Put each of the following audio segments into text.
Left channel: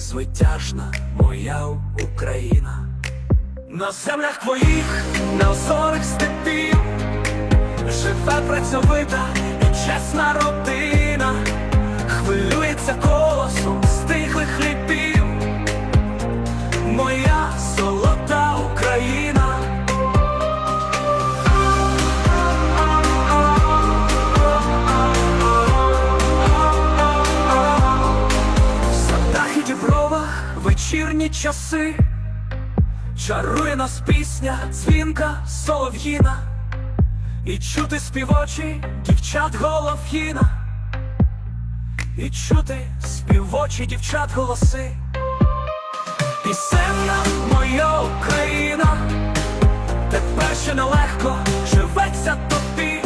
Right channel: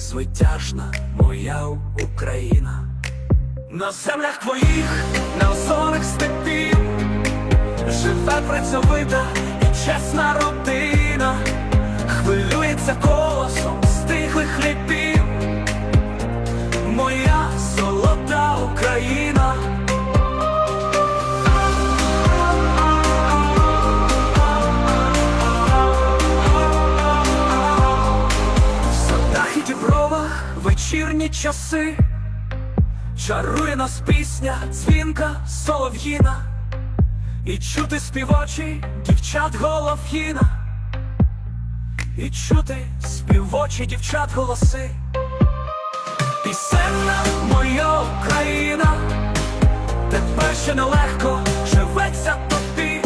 звитяжна моя Україна. На землях твоїх, на озорих степів, живе працьовита і чесна родина, вечірні часи. Чарує нас пісня, дзвінка, солов'їна. І чути співочі дівчат голов'їна. І чути співочі дівчат голоси. Пісенна моя Україна. Тепер ще нелегко живеться тобі.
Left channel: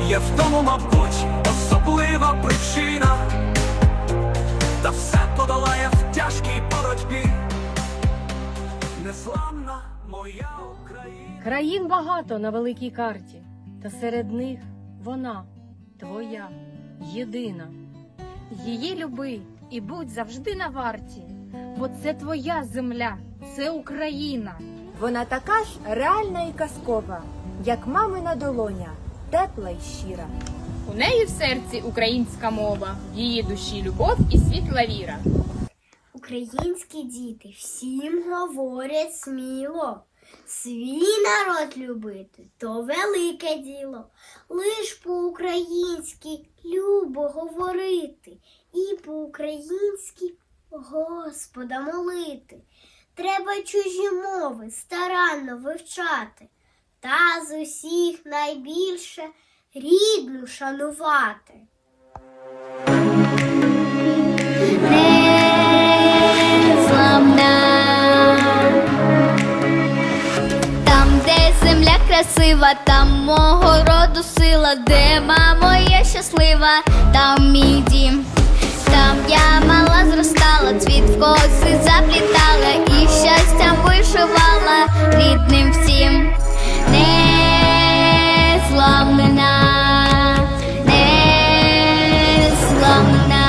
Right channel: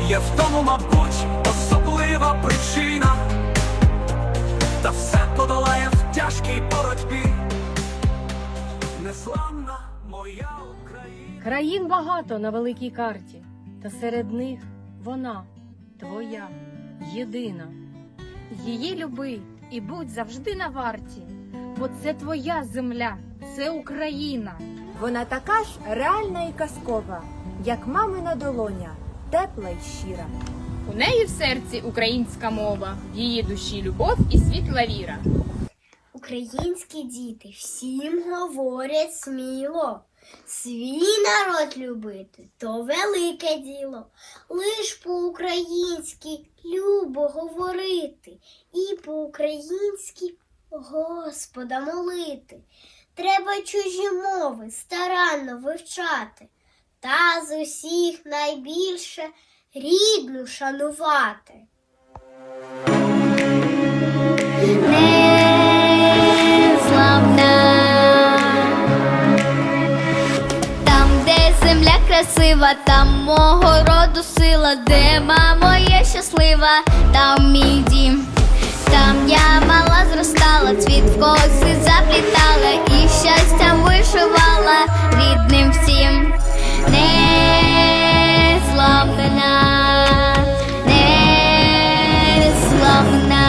Є в тому, мабуть, особлива причина в боротьбі. Незламна моя Україна. Країн багато на великій карті, та серед них вона твоя, єдина. Її люби і будь завжди на варті, бо це твоя земля, це Україна. Вона така ж реальна і казкова, як мамина долоня, тепла й щира. У неї в серці українська мова, в її душі любов і світла віра. Українські діти всім говорять сміло. Свій народ любити то велике діло. Лиш по-українськи любо говорити і по-українськи Господа молити. Треба чужі мови старанно вивчати, та з усіх найбільше рідну шанувати. Красива, там мого роду сила, де мамо є щаслива, там мій дім. Там я мала зростала, цвіт в коси заплітала і щастям вишивала рідним всім. Незламна, незламна.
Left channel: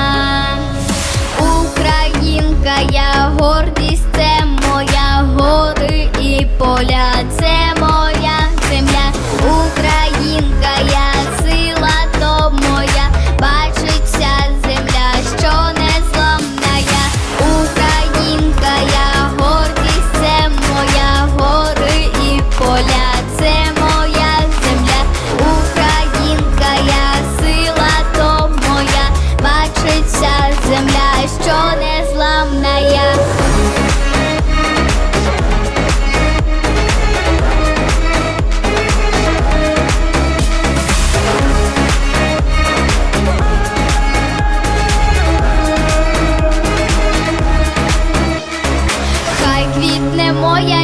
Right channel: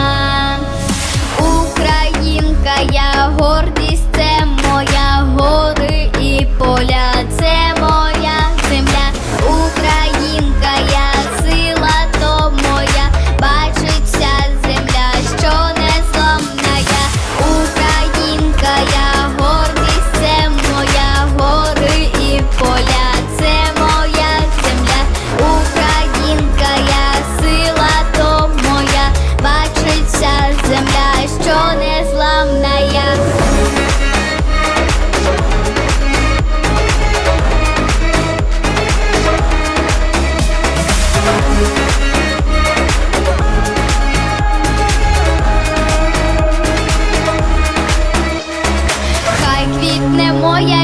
Українка, я гордість,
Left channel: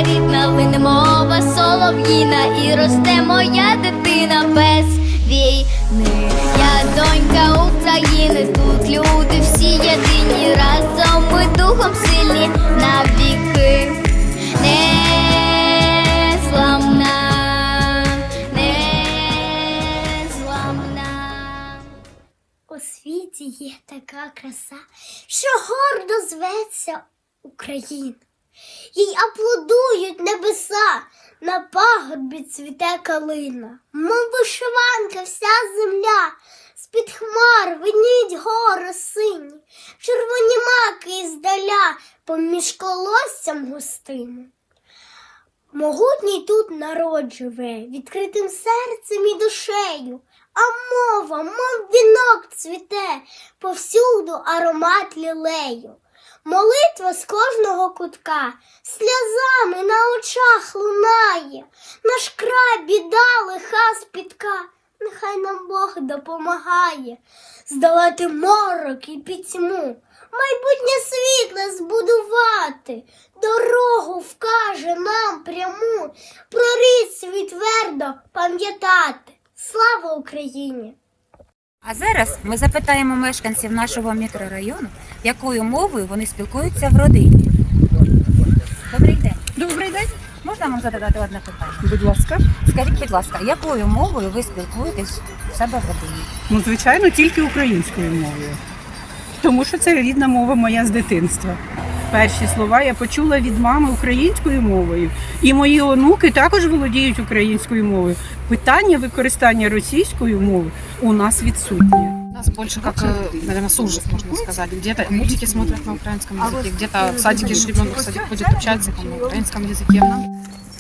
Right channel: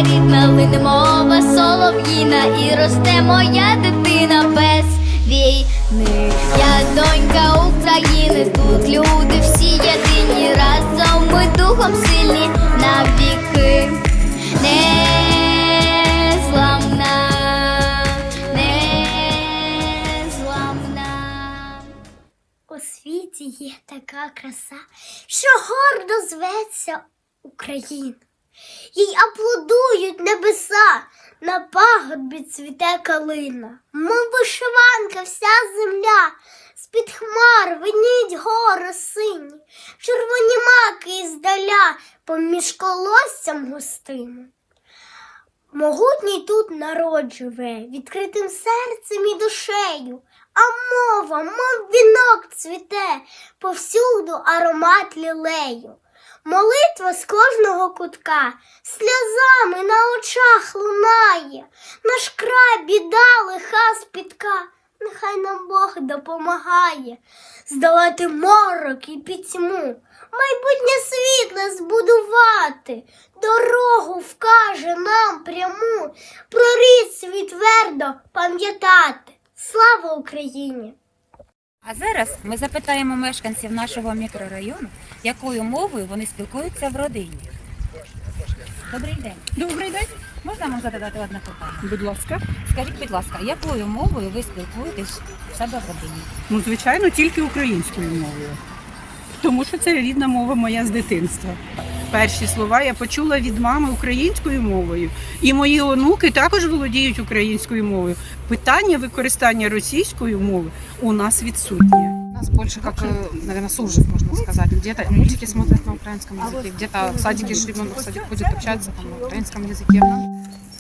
рідна, лине мова солов'їна, і росте моя дитина без війни. Я донька України, тут люди всі єдині, разом ми духом сильні навіки. Незламна, незламна. У світі є така краса, що гордо зветься Україна. Їй аплодують небеса, на пагорбі цвіте калина, мов вишиванка вся земля, з-під хмар виніть гори сині, червоні маки іздаля поміж колоссям густими. Могутній тут народ живе, відкритим серцем і душею, а мова, мов вінок цвіте, повсюду аромат лілею. Молитва з кожного кутка, сльозами на очах лунає, наш край біда лиха спітка, нехай нам Бог допомагає. Здолати морок і пітьму, майбутнє світ нас збудувати, дорогу вкаже нам пряму, про рід свій твердо пам'ятати. Слава Україні! А зараз ми запитаємо мешканців нашого мікрорайону, якою мовою вони спілкуються в родині. Добрий день. Добрий день, Можна вам задавати одне питання? будь ласка. Скажіть, будь ласка, якою мовою ви спілкуєтесь в себе в родині? Ну, звичайно, тільки українською мовою. Тому що це рідна мова моя з дитинства. Перші слова я почула від мами українською мовою. І мої онуки також володіють українською мовою. Питання використання російської мови у нас відсутнє У нас больше как, э, наверное, с ужас, можно сказать. Где-то мультики смотрят на украинском языке, где-то в садике же ребенок в садик ходит общаться там, на украинском языке.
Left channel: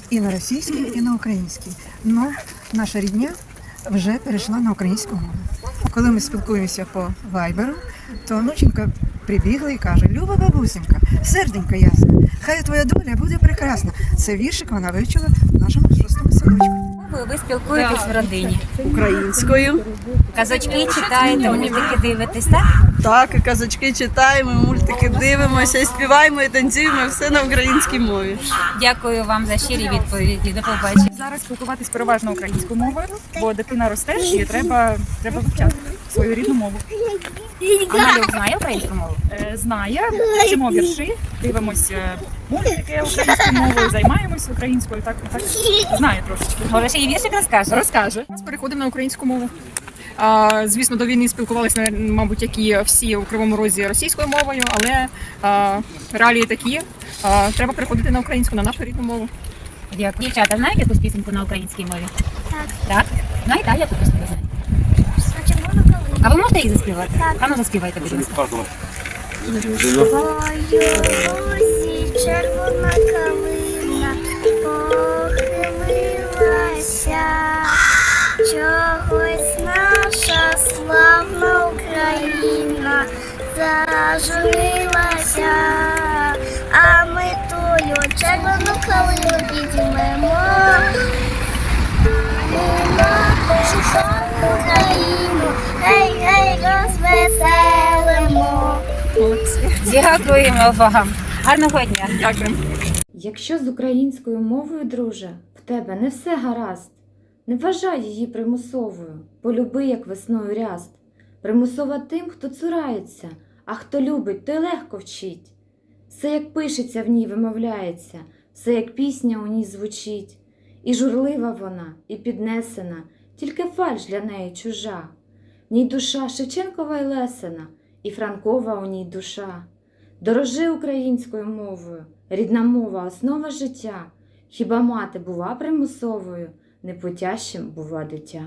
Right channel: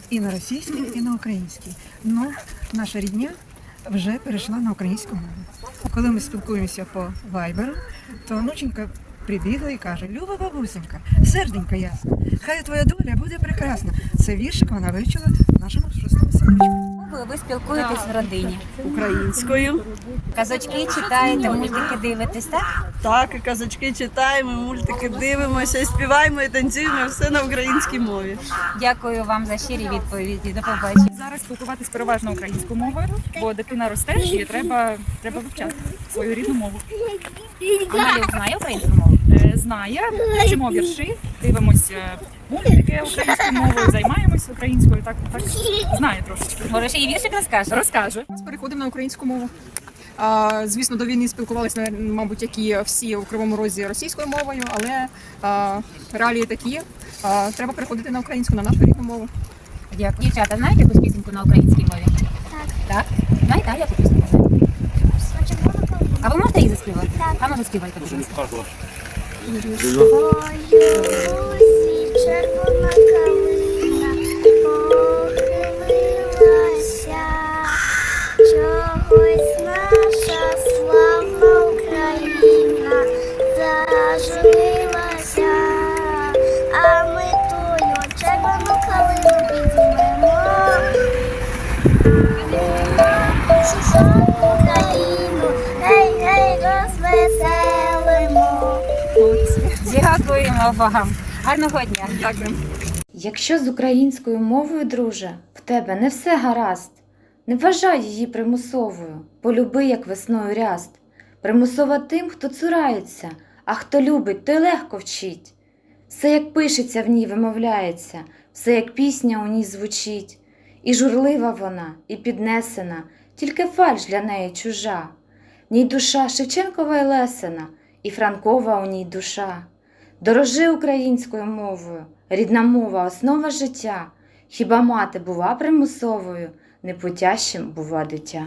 і на російській, і на українській. Ну, наша рідня вже перейшла на українську мову. Коли ми спілкуємося по вайберу, то онученька прибігла і каже: Люба бабусенька, серденько ясна, хай твоя доля буде прекрасна. Це віршик вона вивчила в нашому шостому садочку. Мовою ви спілкуєтесь в родині. Українською. Казочки читаєте, мультики дивитесь, так? Так, і казочки читаємо, мультики дивимося, і співаємо, і танцюємо, все на українській мові. Дякую вам за щирі відповіді. До побачення. Зараз спілкуватись переважно українською мовою, бо дитина росте і треба, треба вивчати свою рідну мову. А малюк знає українську мову? Е, Знає, вчимо вірші, дивимося мультики українською мовою, займаємося українською, так, так знає трошечки. Може, ще й віршик розкаже? Розкаже. Зараз переходимо на українську мову. А, звісно, до війни спілкувалися, мабуть, як і всі у Кривому Розі російською мовою, але а, реалії такі. А, треба переходити на українську, на нашу рідну мову. Дякую. Дівчата, знаєте якусь пісеньку на українській мові? Так. Так? А яку пісню ви знаєте? А ви можете її заспівати? Так. А ну заспівайте, будь ласка. Ой, червона калина похилилася, чогось наша славна Україна зажурилася, а ми тую червону калину підіймемо. Гей, гей, розвеселимо. Дякуємо вам. Гарного дня. Дякую. Якщо з українською мовою, друже, в тебе не все гаразд, не вважай її примусовою, полюби, як весною ряст. Примусова тим, хто цурається, а хто любить, той легко вчить. Все, як пишеться в ній, вимовляється, все, як пісня у ній звучить. І журлива вона, і піднесена, тільки фальш для неї чужа. В ній душа Шевченкова і Лесена, і Франкова у ній душа. Дорожи українською мовою, рідна мова основа життя. Хіба мати бува примусовою, непутящим бува дитя.